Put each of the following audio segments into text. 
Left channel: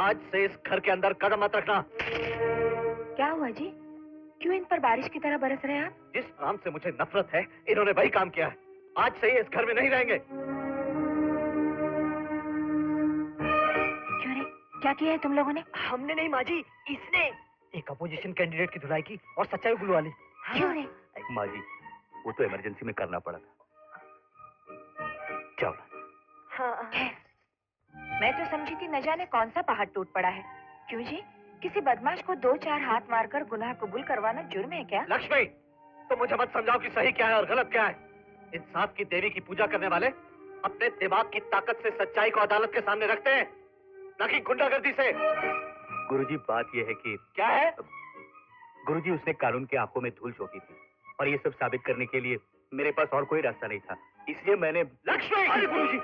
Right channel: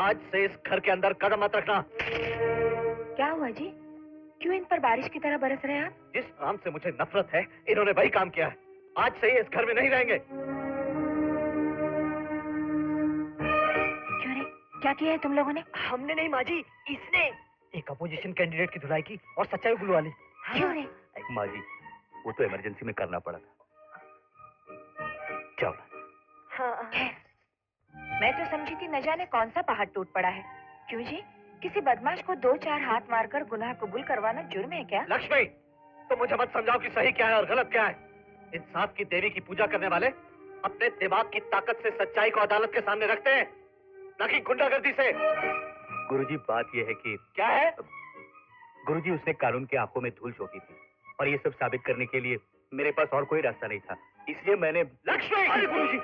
आज से इस घर के अंदर कदम मत रखना। क्या हुआ जी? क्यों इन पर बारिश की तरह बरस रहे हैं आप? जिस काम से मुझे नफरत है, इन्होंने वही काम किया है। आज से ये इस घर में नहीं रहेंगे। क्यों रे? क्या किया है तुम लोगों ने? हमने नहीं माँ जी, इसने एक अपोजिशन कैंडिडेट की धुलाई की और सच्चाई बुलवा ली। क्यों रे? माँ जी, वो तो इमरजेंसी में करना पड़ा था। चलो। हाँ। मैं तो समझी थी न जाने कौन सा पहाड़ टूट पड़ा है। क्यों जी? किसी बदमाश को 2-4 हाथ मारकर गुनाह कबूल करवाना जुर्म है क्या? लक्ष्मी, तो मुझे मत समझाओ कि सही क्या है और गलत क्या है। इंसाफ की देवी की पूजा करने वाले अपने दिमाग की ताकत से सच्चाई को अदालत के सामने रखते हैं, न कि गुंडागर्दी से। गुरुजी, बात यह है कि क्या है? गुरुजी, उसने कानून की आंखों में धूल झोंकी थी और ये सब साबित करने के लिए मेरे पास और कोई रास्ता नहीं था, इसलिए मैंने। लक्ष्मी! अरे गुरुजी,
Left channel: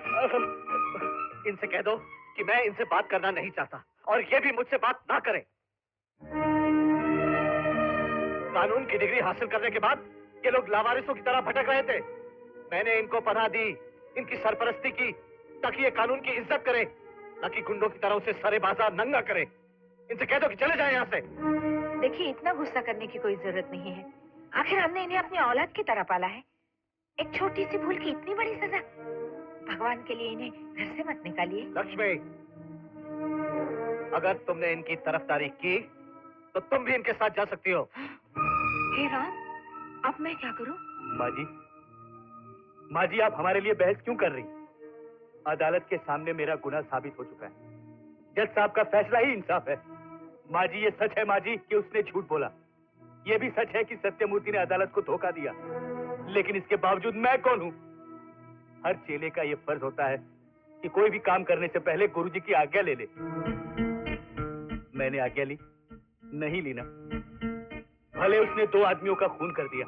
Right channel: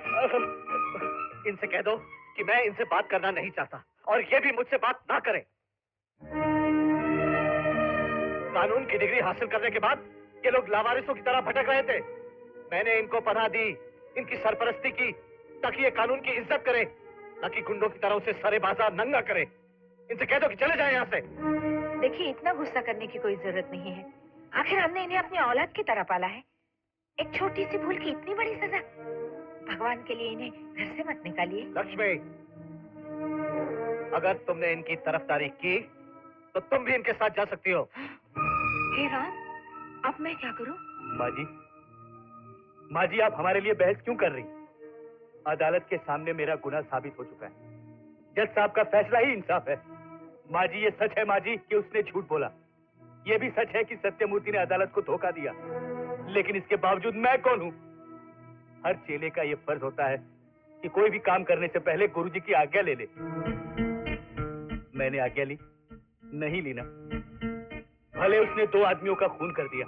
इनसे कह दो कि मैं इनसे बात करना नहीं चाहता और ये भी मुझसे बात ना करें। कानून की डिग्री हासिल करने के बाद ये लोग लावारिसों की तरह भटक रहे थे। मैंने इनको पनाह दी, इनकी सरपरस्ती की, ताकि ये कानून की इज्जत करें, न कि गुंडों की तरह उसे सरे बाजार नंगा करें। इनसे कह दो कि चले जाएं यहाँ से। देखिए, इतना गुस्सा करने की कोई जरूरत नहीं है। आखिर हमने इन्हें अपनी औलाद की तरह पाला है। एक छोटी सी भूल की इतनी बड़ी सजा। भगवान के लिए इन्हें घर से मत निकालिए। लक्ष्मी, अगर तुमने इनकी तरफदारी की तो तुम भी इनके साथ जा सकती हो। हे राम, अब मैं क्या करूं? माँ जी, आप हमारे लिए बहस क्यों कर रही? अदालत के सामने मेरा गुनाह साबित हो चुका है। जज साहब का फैसला ही इंसाफ है। माँ जी, ये सच है माँ जी कि उसने झूठ बोला। ये भी सच है कि सत्यमूर्ति ने अदालत को धोखा दिया, लेकिन इसके बावजूद मैं कौन हूँ? हर चेले का ये फर्ज होता है कि कोई भी काम करने से पहले गुरुजी की आज्ञा ले ले। मैंने आज्ञा ली? नहीं ली ना। भले उसने 2 आदमियों का खून कर दिया,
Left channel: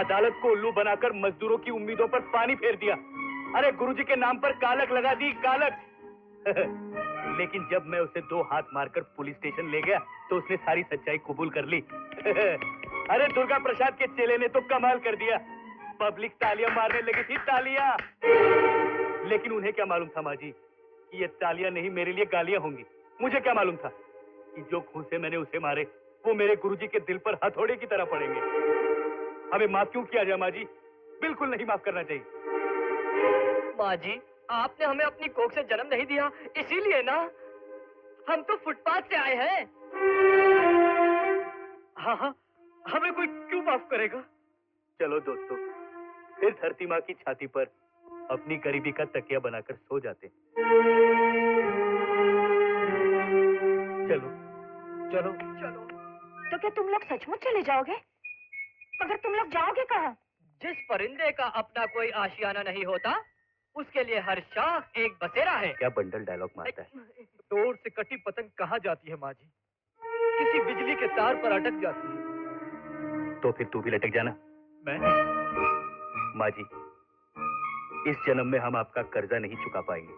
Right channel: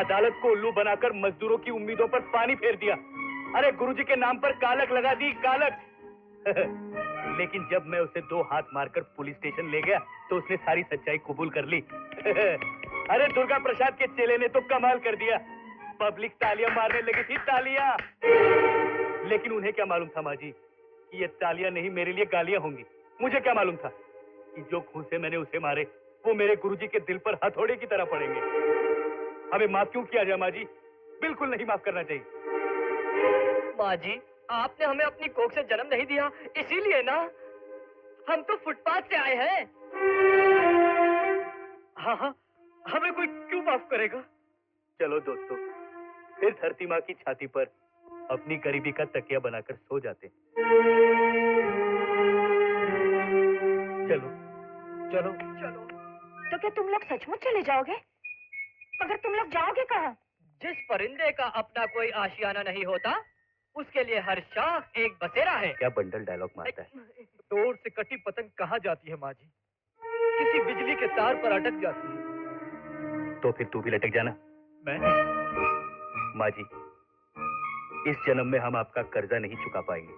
अदालत को उल्लू बनाकर मजदूरों की उम्मीदों पर पानी फेर दिया। अरे गुरुजी के नाम पर कालक लगा दी, कालक। लेकिन जब मैं उसे 2 हाथ मारकर पुलिस स्टेशन ले गया तो उसने सारी सच्चाई कबूल कर ली। अरे दुर्गा प्रसाद के चेले ने तो कमाल कर दिया। पब्लिक तालियां मारने लगी थी, तालियां। लेकिन उन्हें क्या मालूम था माँ जी कि ये तालियां नहीं, मेरे लिए गालियां होंगी। मुझे क्या मालूम था कि जो खून से मैंने उसे मारे वो मेरे गुरुजी के दिल पर हथौड़े की तरह पड़ेंगे। हमें माफ क्यों किया जाए माँ जी? बिल्कुल नहीं माफ करना चाहिए। माँ जी, आपने हमें अपनी कोख से जन्म नहीं दिया, इसीलिए ना। हम तो फुटपाथ से आए हैं। हाँ हाँ, हमें कोई क्यों माफ करेगा? चलो दोस्तों, फिर धरती माँ की छाती पर अपनी गरीबी का तकिया बनाकर सो जाते। चलो चलो चलो। तो क्या तुम लोग सचमुच चले जाओगे? मगर तुम लोग जाओगे कहाँ? जिस परिंदे का अपना कोई आशियाना नहीं होता, उसके लिए हर शाख एक बसेरा है। क्या बंडल डायलॉग मारता है? डोर से कटी पतंग कहाँ जाती है माँ जी? किसी बिजली के तार पर अटक जाती है। तो फिर तू भी लटक जाना। मैं? माँ जी, इस जन्म में हम आपका कर्जा नहीं चुका पाएंगे,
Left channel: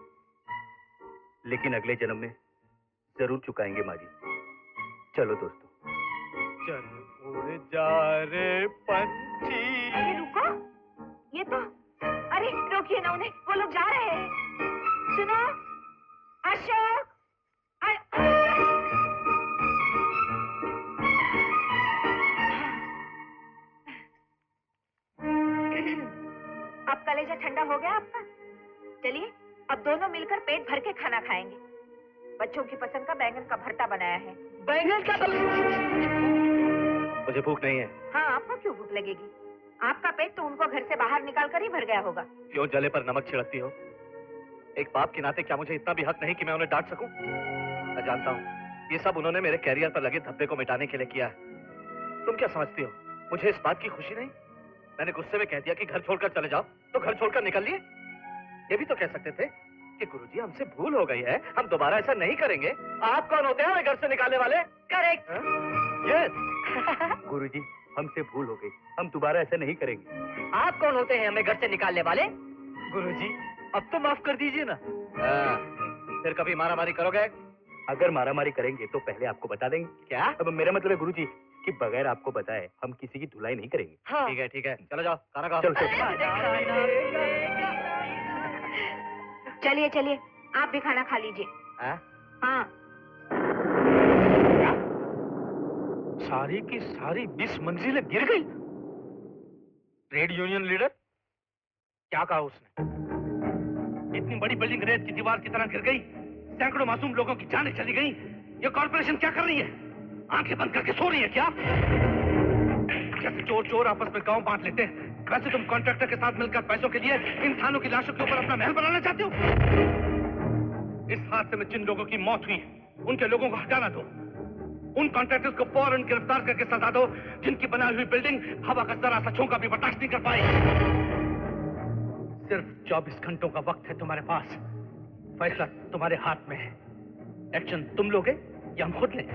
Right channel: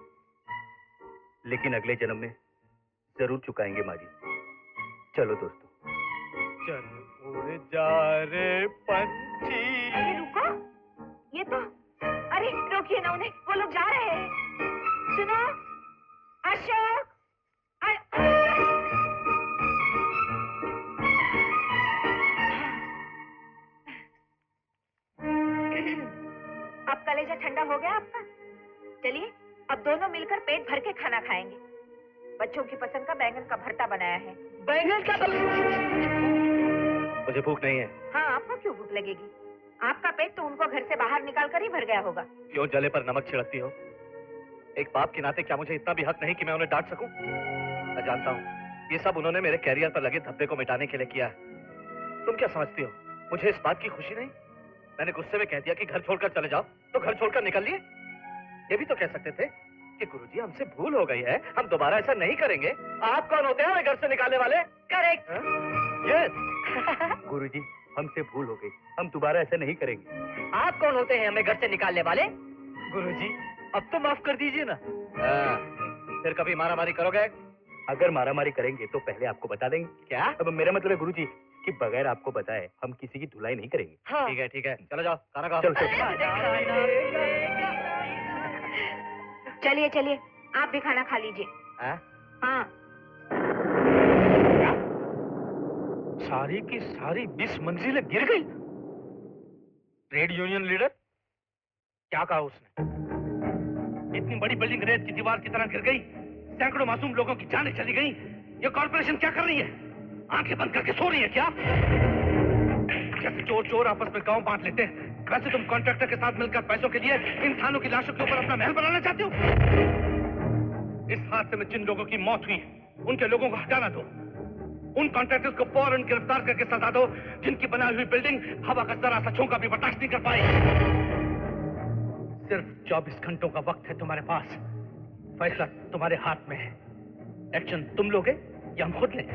लेकिन अगले जन्म में जरूर चुकाएंगे माँ जी। चलो दोस्तों। चल उड़ जा रे पंछी। अरे रुको, ये तो। अरे रोकिए ना उन्हें, वो लोग जा रहे हैं। सुनो अशोक। अब कलेजा ठंडा हो गया आपका? चलिए, अब दोनों मिलकर पेट भर के खाना खाएंगे। बच्चों की पसंद का बैंगन का भरता बनाया है। बैंगन का? मुझे भूख नहीं है। हाँ, आपको क्यों भूख लगेगी? आपका पेट तो उनको घर से बाहर निकाल कर ही भर गया होगा। क्यों जले पर नमक छिड़कती हो? एक बाप के नाते क्या मुझे इतना भी हक नहीं कि मैं उन्हें डांट सकूं? मैं जानता हूँ ये सब उन्होंने मेरे कैरियर पर लगे धब्बे को मिटाने के लिए किया है। तुम क्या समझती हो मुझे इस बात की खुशी नहीं? मैंने गुस्से में कह दिया कि घर छोड़कर चले जाओ, तो घर छोड़कर निकल लिए। ये भी तो कह सकते थे कि गुरुजी हमसे भूल हो गई है, हम दोबारा ऐसा नहीं करेंगे। आप कौन होते हैं हमें घर से निकालने वाले? करेक्ट। यस। गुरुजी, हमसे भूल हो गई, हम दोबारा ऐसा नहीं करेंगे। आप कौन होते हैं हमें घर से निकालने वाले? गुरुजी, अब तो माफ कर दीजिए ना। फिर कभी मारामारी करोगे? अगर मारामारी करेंगे तो पहले आपको बता देंगे। क्या? अब मेरा मतलब है गुरुजी कि बगैर आपको बताए हम किसी की धुलाई नहीं करेंगे। हाँ। ठीक है, चलो जाओ, खाना खाओ। चलो। चलिए चलिए, आप भी खाना खा लीजिए। हाँ। क्या? सारी की सारी 20 मंजिलें गिर गई? Trade union leader? क्या कहा उसने? इतनी बड़ी बिल्डिंग रेत की दीवार की तरह गिर गई, सैकड़ों मासूम लोगों की जानें चली गई। ये कॉर्पोरेशन क्या कर रही है? आंखें बंद करके सो रही है क्या? जैसे चोर चोर आपस में गांव बांट लेते हैं, वैसे तुम कॉन्ट्रैक्टर के साथ मिलकर पैसों के लिए इंसानों की लाशों के ऊपर अपना महल बनाना चाहते हो? इस हादसे में जिन लोगों की मौत हुई, उनके लोगों को हटाना दो। उन कॉन्ट्रैक्टर्स को फौरन गिरफ्तार करके सजा दो, जिनकी बनाई हुई बिल्डिंग हवा का जरा सा झोंका भी बर्दाश्त नहीं कर पाई। सिर्फ 24 घंटों का वक्त है तुम्हारे पास। फैसला तुम्हारे हाथ में है। एक्शन तुम लोगे या हम खुद लें?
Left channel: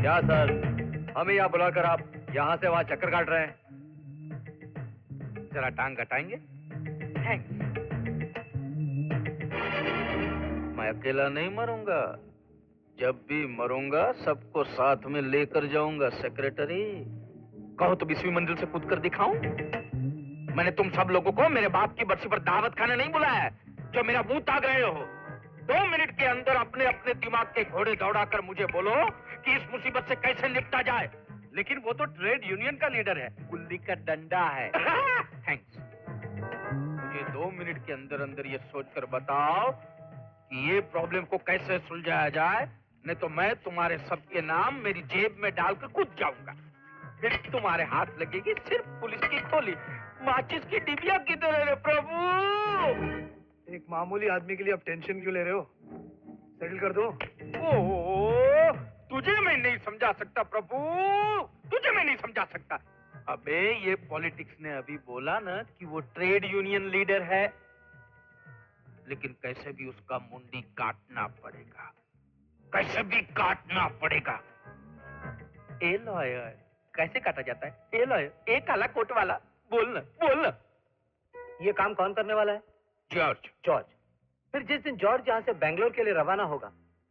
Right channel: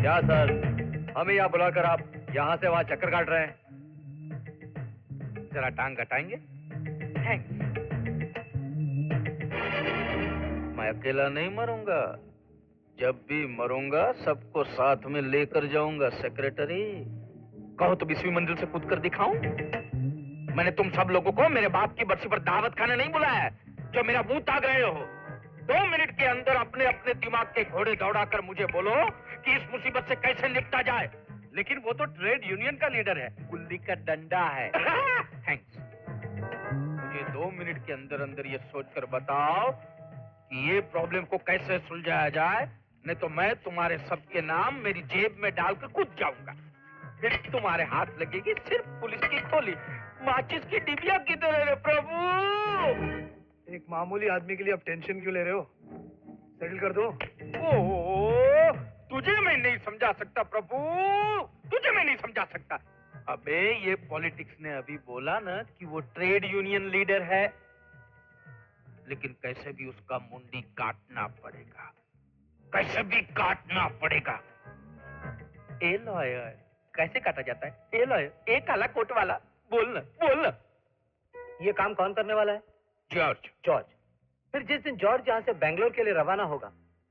क्या सर, हमें यहाँ बुलाकर आप यहाँ से वहाँ चक्कर काट रहे हैं? जरा टांग घटाएंगे? थैंक्स। मैं अकेला नहीं मरूंगा। जब भी मरूंगा सबको साथ में लेकर जाऊंगा। सेक्रेटरी, कहो तो 20वीं मंजिल से कूद कर दिखाऊं? मैंने तुम सब लोगों को मेरे बाप की बरसी पर दावत खाने नहीं बुलाया है, जो मेरा मुंह ताक रहे हो। 2 मिनट के अंदर अपने अपने दिमाग के घोड़े दौड़ाकर मुझे बोलो कि इस मुसीबत से कैसे निपटा जाए। लेकिन वो तो ट्रेड यूनियन का लीडर है, गुल्ली का डंडा है। थैंक्स। मुझे 2 मिनट के अंदर अंदर ये सोचकर बताओ कि ये प्रॉब्लम को कैसे सुलझाया जाए, नहीं तो मैं तुम्हारे सबके नाम मेरी जेब में डालकर कूद जाऊंगा। फिर तुम्हारे हाथ लगेगी सिर्फ पुलिस की खोली। माचिस की डिबिया किधर है रे प्रभु? एक मामूली आदमी के लिए आप टेंशन क्यों ले रहे हो? सेटल कर दो। ओह, तुझे मैं नहीं समझा सकता प्रभु, तुझे मैं नहीं समझा सकता। अबे ये पॉलिटिक्स ने अभी बोला ना कि वो ट्रेड यूनियन लीडर है, लेकिन कैसे भी उसका मुंडी काटना पड़ेगा, कैसे भी काटना पड़ेगा। ए लॉयर, कैसे काटा जाता है? ए लॉयर, ए काला कोट वाला, बोल ना, बोल ना। ये काम कौन करने वाला है? जॉर्ज। जॉर्ज। फिर जिस दिन जॉर्ज यहाँ से बेंगलोर के लिए रवाना होगा,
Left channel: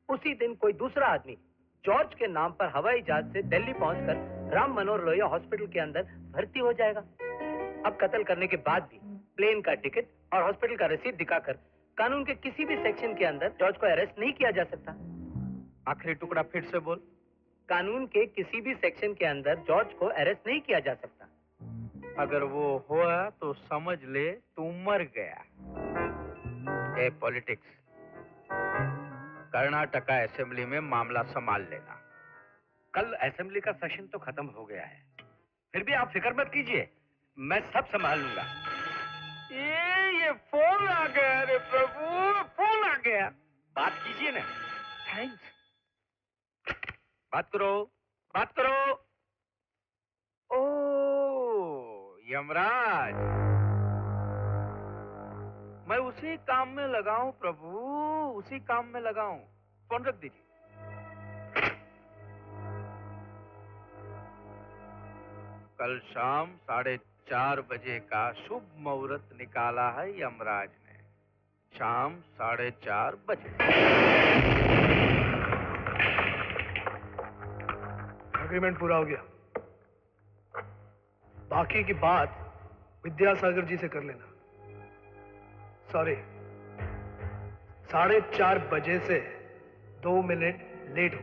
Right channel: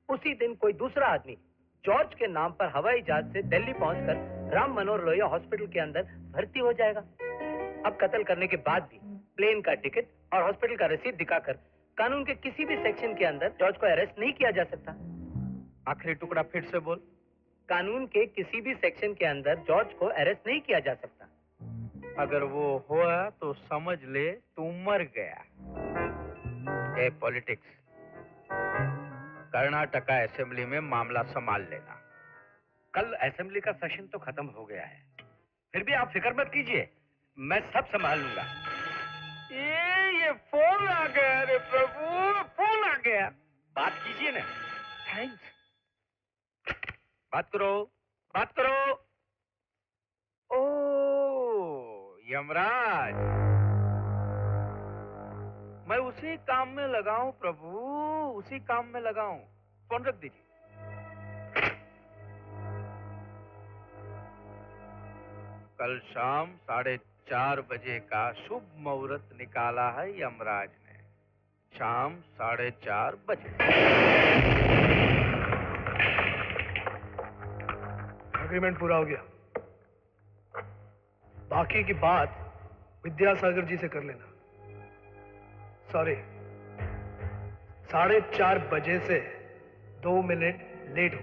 उसी दिन कोई दूसरा आदमी जॉर्ज के नाम पर हवाई जहाज से दिल्ली पहुंचकर राम मनोहर लोहिया हॉस्पिटल के अंदर भर्ती हो जाएगा। अब कत्ल करने के बाद भी प्लेन का टिकट और हॉस्पिटल का रसीद दिखाकर कानून के किसी भी सेक्शन के अंदर जॉर्ज को अरेस्ट नहीं किया जा सकता। आखिरी टुकड़ा फिर से बोल। कानून के किसी भी सेक्शन के अंदर जॉर्ज को अरेस्ट नहीं किया जा सकता। अगर वो हुआ तो समझ ले तू मर गया। ए पॉलिटिक्स, कर्नाटका असेंबली में मामला संभाल लेना। कल असेंबली का सेशन तो खत्म हो गया है, फिर भी आप फिक्र मत कीजिए, मैं सब संभाल लूंगा। ये फोन आ गया रे प्रभु, फोन आ गया। बात कीजिए ना। थैंक्स। बात करो, बात करो। ओ यमराज, मैं उसी काम में लगाऊं प्रभु, उसी काम में लगाऊं। फोन रख दीजिए। कल शाम 4:30 बजे का शुभ मुहूर्त निकाला है यमराज ने। शाम 4:30 बजे। एग्रीमेंट पूरा हो गया, बाकी की बात विद्यासागर जी से कर लेना। सॉरी, 4:30 बजे से 2 मिनट लेट हो।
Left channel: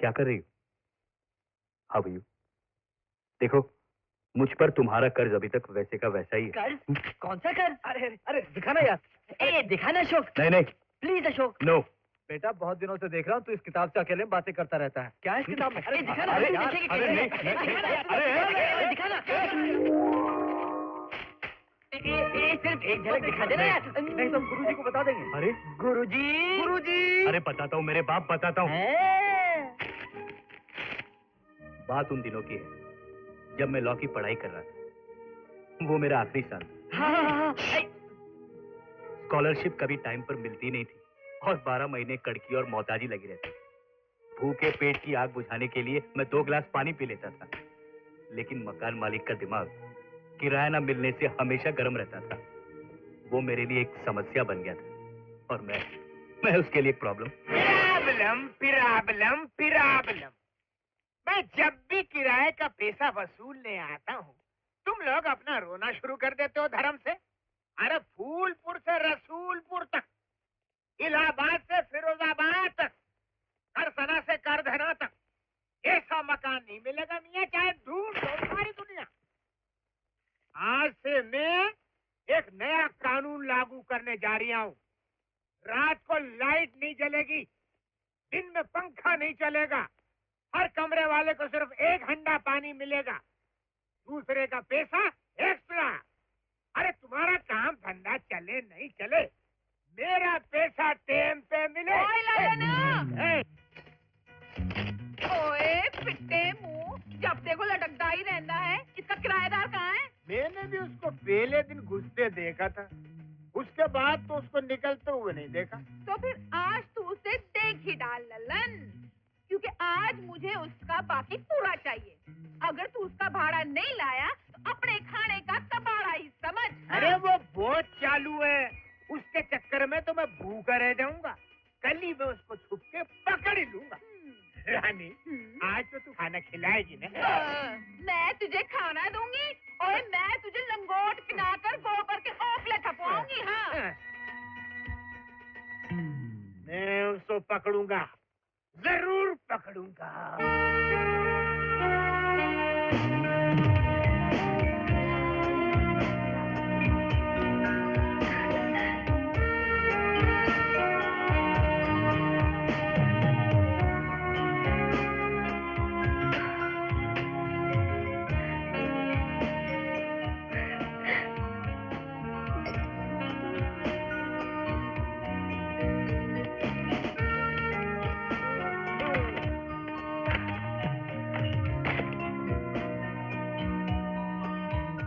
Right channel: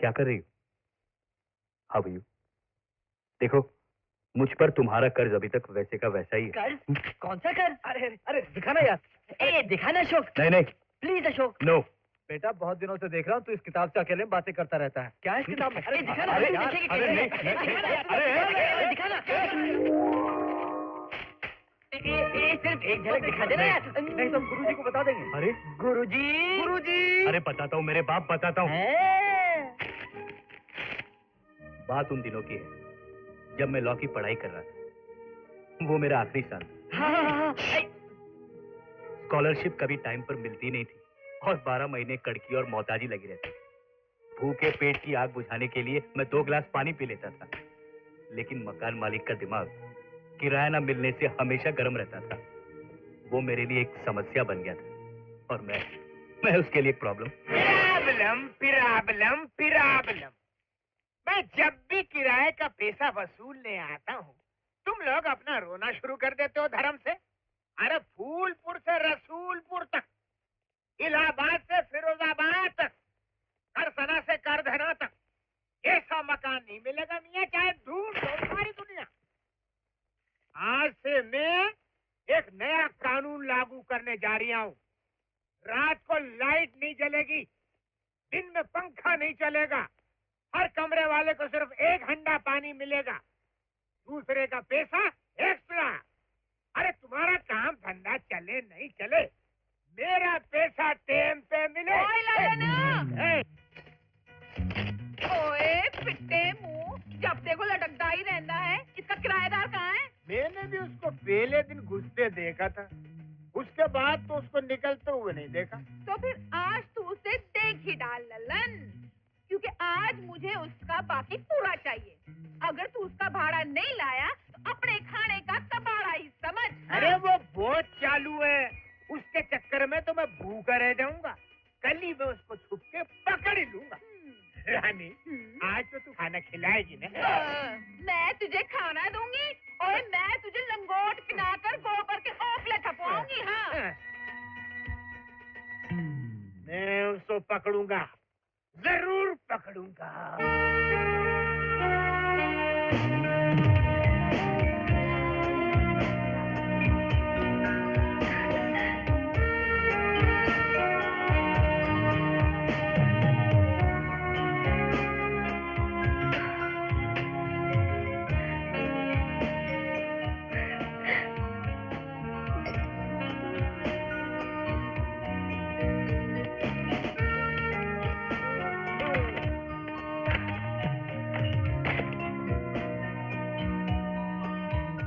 क्या कर रही हो? How are you? देखो, मुझ पर तुम्हारा कर्ज अभी तक वैसे का वैसा ही है। कर्ज? कौन सा कर्ज? अरे अरे दिखाना यार। ए दिखाना अशोक, नहीं नहीं, प्लीज अशोक। नो। बेटा, बहुत दिनों से देख रहा हूँ तू इस किताब से अकेले बातें करता रहता है। क्या है इस किताब में? अरे दिखाना, अरे हम यार, देखेंगे अरे कैसे? नहीं, दिखाना यार, अरे दिखाना। सिर्फ एक झलक दिखा देना यार। नहीं तो गुरुजी को बता देंगे। अरे गुरुजी, गुरुजी। अरे बताता हूँ मेरे बाप, बताता हूँ। हैं? बात उन दिनों की है जब मैं लॉ की पढ़ाई कर रहा था। वो मेरा आखिरी साल था। हाँ। स्कॉलरशिप कभी टाइम पर मिलती नहीं थी और 12 महीने कड़की और मोहताजी लगी रहती। भूखे पेट की आग बुझाने के लिए मैं 2 गिलास पानी पी लेता था, लेकिन मकान मालिक का दिमाग किराया न मिलने से हमेशा गर्म रहता था। वो मेरे लिए एक समस्या बन गया था और मैं उसके लिए एक प्रॉब्लम। Problem problem. मैं जब भी किराए का पैसा वसूलने आता हूँ तुम लोग अपना रोना शुरू कर देते हो धर्म से। अरे फूलपुर से रसूलपुर तक, इलाहाबाद से फिरोजाबाद तक, करसना से करधना तक ऐसा मकान नहीं मिलेगा मियाँ, चाहे ढूंढ लो सारी दुनिया। आज से मैं एक नया कानून लागू करने जा रही हूँ। रात को लाइट नहीं जलेगी, दिन में पंखा नहीं चलेगा, हर कमरे वाले को सिर्फ 1 हंडा पानी मिलेगा, दूसरे का पैसा एक्स्ट्रा। अरे तुम्हारा काम धंधा चले नहीं चले, मेरा पैसा टाइम पे मिले। ओए पिट्टे मुंह, जब देखो लटकता ही रहता है। इसका किराएदार कहाँ है? मैंने भी उसको पहले दिन घुसते देखा था, उसके बाद तो उसको निकलते हुए नहीं देखा। तो फिर आज तू उसे देख ही डाल ललन, क्योंकि आज मुझे उसका बाकी पूरा चाहिए। अगर तू उसका भाड़ा नहीं लाया तो अपने खाने का कबाड़ा ही समझ। अरे वो बहुत चालू है, उसके चक्कर में तो मैं भूखा रह जाऊंगा। कल ही मैं उसको छुप के पकड़ ही लूंगा। रानी, आज तो तू खाना खिलाएगी ना? मैं तुझे खाना दूंगी और मैं तुझे लंगोट पिनाकर गोबर के ओपले थपवाऊंगी। हाँ, मैं उसको पकड़ूंगा, जरूर पकड़ूंगा।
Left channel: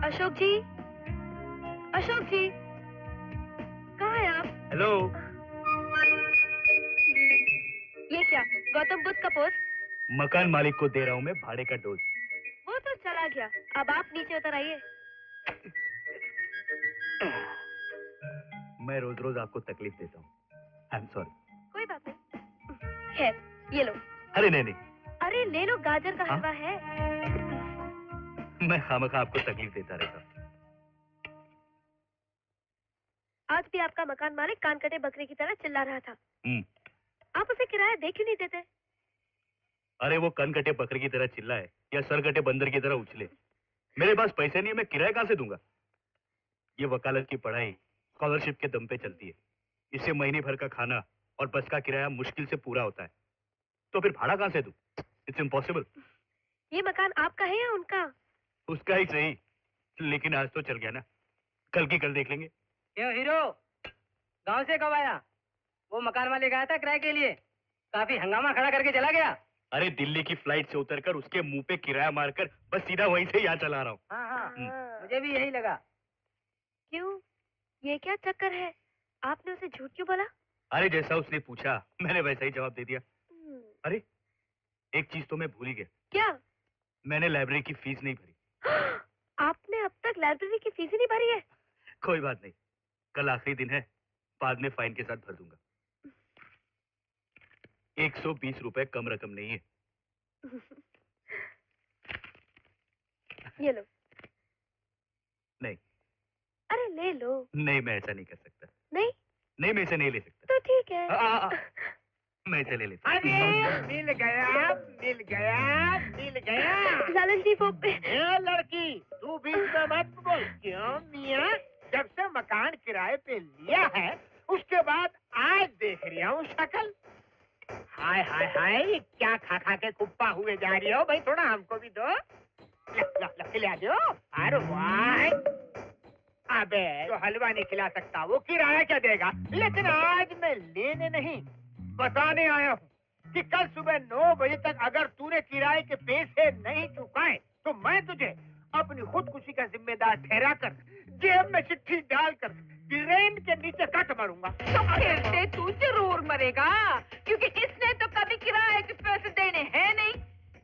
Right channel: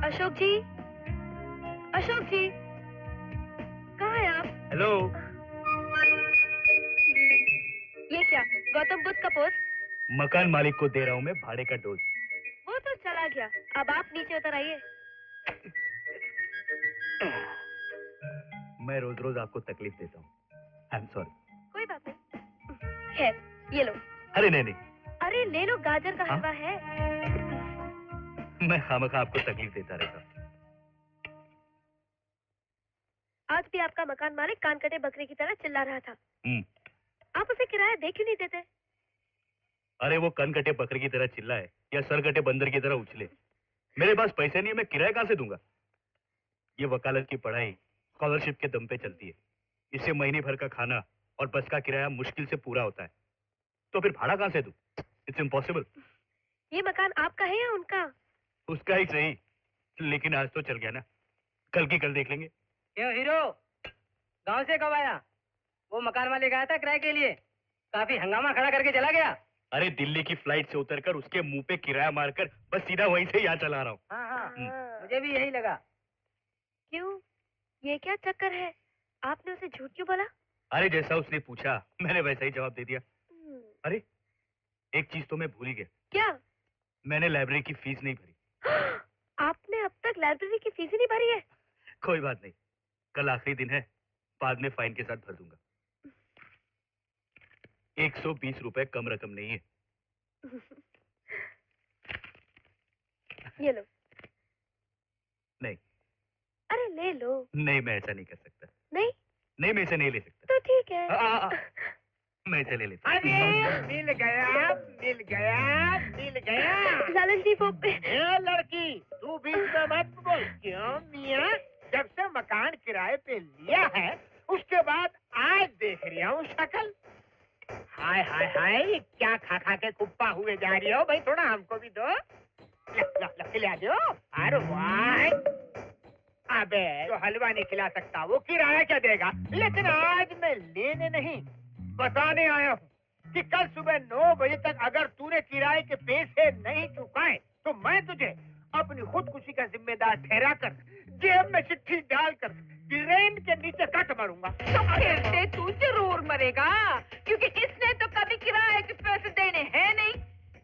अशोक जी, अशोक जी, कहाँ हैं आप? हेलो। ये क्या, गौतम बुद्ध का पोस्ट? मकान मालिक को दे रहा हूँ मैं भाड़े का डोज। वो तो चला गया, अब आप नीचे उतर आइए। मैं रोज रोज आपको तकलीफ देता हूँ, आई एम सॉरी। कोई बात नहीं। खैर, ये लो। अरे नहीं नहीं, अरे ले लो, गाजर का हाँ? हलवा है। मैं खामखा आपको तकलीफ देता रहता। आज भी आपका मकान मालिक कान कटे बकरे की तरह चिल्ला रहा था। आप उसे किराया दे क्यों नहीं देते? अरे वो कन कटे बकरे की तरह चिल्लाए या सर कटे बंदर की तरह उछले, मेरे पास पैसे नहीं है, मैं किराया कहाँ से दूंगा? ये वकालत की पढ़ाई स्कॉलरशिप के दम पे चलती है, इससे महीने भर का खाना और बस का किराया मुश्किल से पूरा होता है, तो फिर भाड़ा कहाँ से दूं? It's impossible. ये मकान आपका है या उनका? उसका ही सही, लेकिन आज तो चल गया ना, कल की कल देख लेंगे। क्यों हीरो, गांव से कब आया? वो मकान मालिक आया था किराए के लिए, काफी हंगामा खड़ा करके चला गया। अरे दिल्ली की फ्लाइट से उतरकर उसके मुंह पे किराया मारकर बस सीधा वहीं से यहाँ चला रहा हूँ। हाँ, मुझे भी यही लगा। क्यों, ये क्या चक्कर है? आपने उसे झूठ क्यों बोला? अरे जैसा उसने पूछा मैंने वैसा ही जवाब दे दिया। अरे एक चीज तो मैं भूल ही गया। क्या? मैंने लाइब्रेरी की फीस नहीं भरी। आपने अब तक लाइब्रेरी की फीस ही नहीं भरी है? कोई बात नहीं, कल आखिरी दिन है, बाद में फाइन के साथ भर दूंगा। 120 रुपए कम रकम नहीं है। ये लो। नहीं। अरे ले लो। नहीं, मैं ऐसा नहीं कर सकता। नहीं? नहीं, मैं इसे नहीं ले सकता। तो ठीक है। मैं इसे ले लेता। अरे मिल गया, मिल गया, मिल गया। लालन जी वो ए लड़की, तू बीच में मत बोल। क्यों मियाँ, जब से मकान किराए पे लिया है उसके बाद आज देख रही हूँ शक्ल। हाय हाय हाय, क्या खा खा के कुप्पा हुए जा रही हो? भाई थोड़ा हमको भी दो। खिला दो। अरे वाह, अबे जो हलवा नहीं खिला सकता वो किराया क्या देगा? लेकिन आज मैं लेने नहीं, बताने आया हूँ कि कल सुबह 9 बजे तक अगर तूने किराए के पैसे नहीं चुकाए तो मैं तुझे अपनी खुदकुशी का जिम्मेदार ठहरा कर जेब में चिट्ठी डालकर ट्रेन के नीचे कट मारूंगा। तो खेलते तू जरूर मरेगा, क्योंकि इसने तो कभी किराए के पैसे देने हैं नहीं,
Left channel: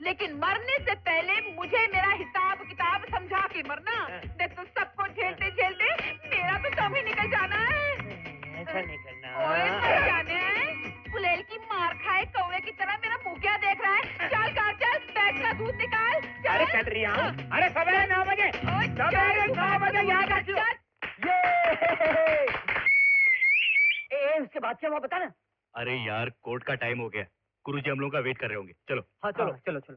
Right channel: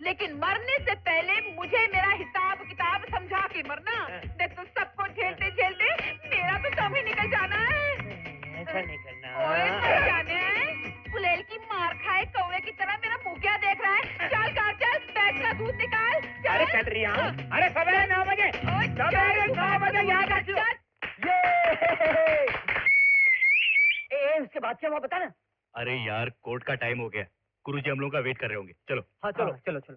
लेकिन मरने से पहले मुझे मेरा हिसाब किताब समझा के मरना। देख तो सबको झेलते झेलते मेरा तो दम ही निकल जाना है। ऐसा नहीं करना। ओए मर जाने, फुलेल की मार खाए कौवे की तरह मेरा अरे चल रही हूँ। अरे सवेरे 9 बजे, सवेरे 9 बजे याद रखियो। ए उसके बाद क्या हुआ बता ना। अरे यार कोर्ट का टाइम हो गया, गुरुजी हम लोगों का वेट कर रहे होंगे, चलो। हाँ चलो चलो चलो।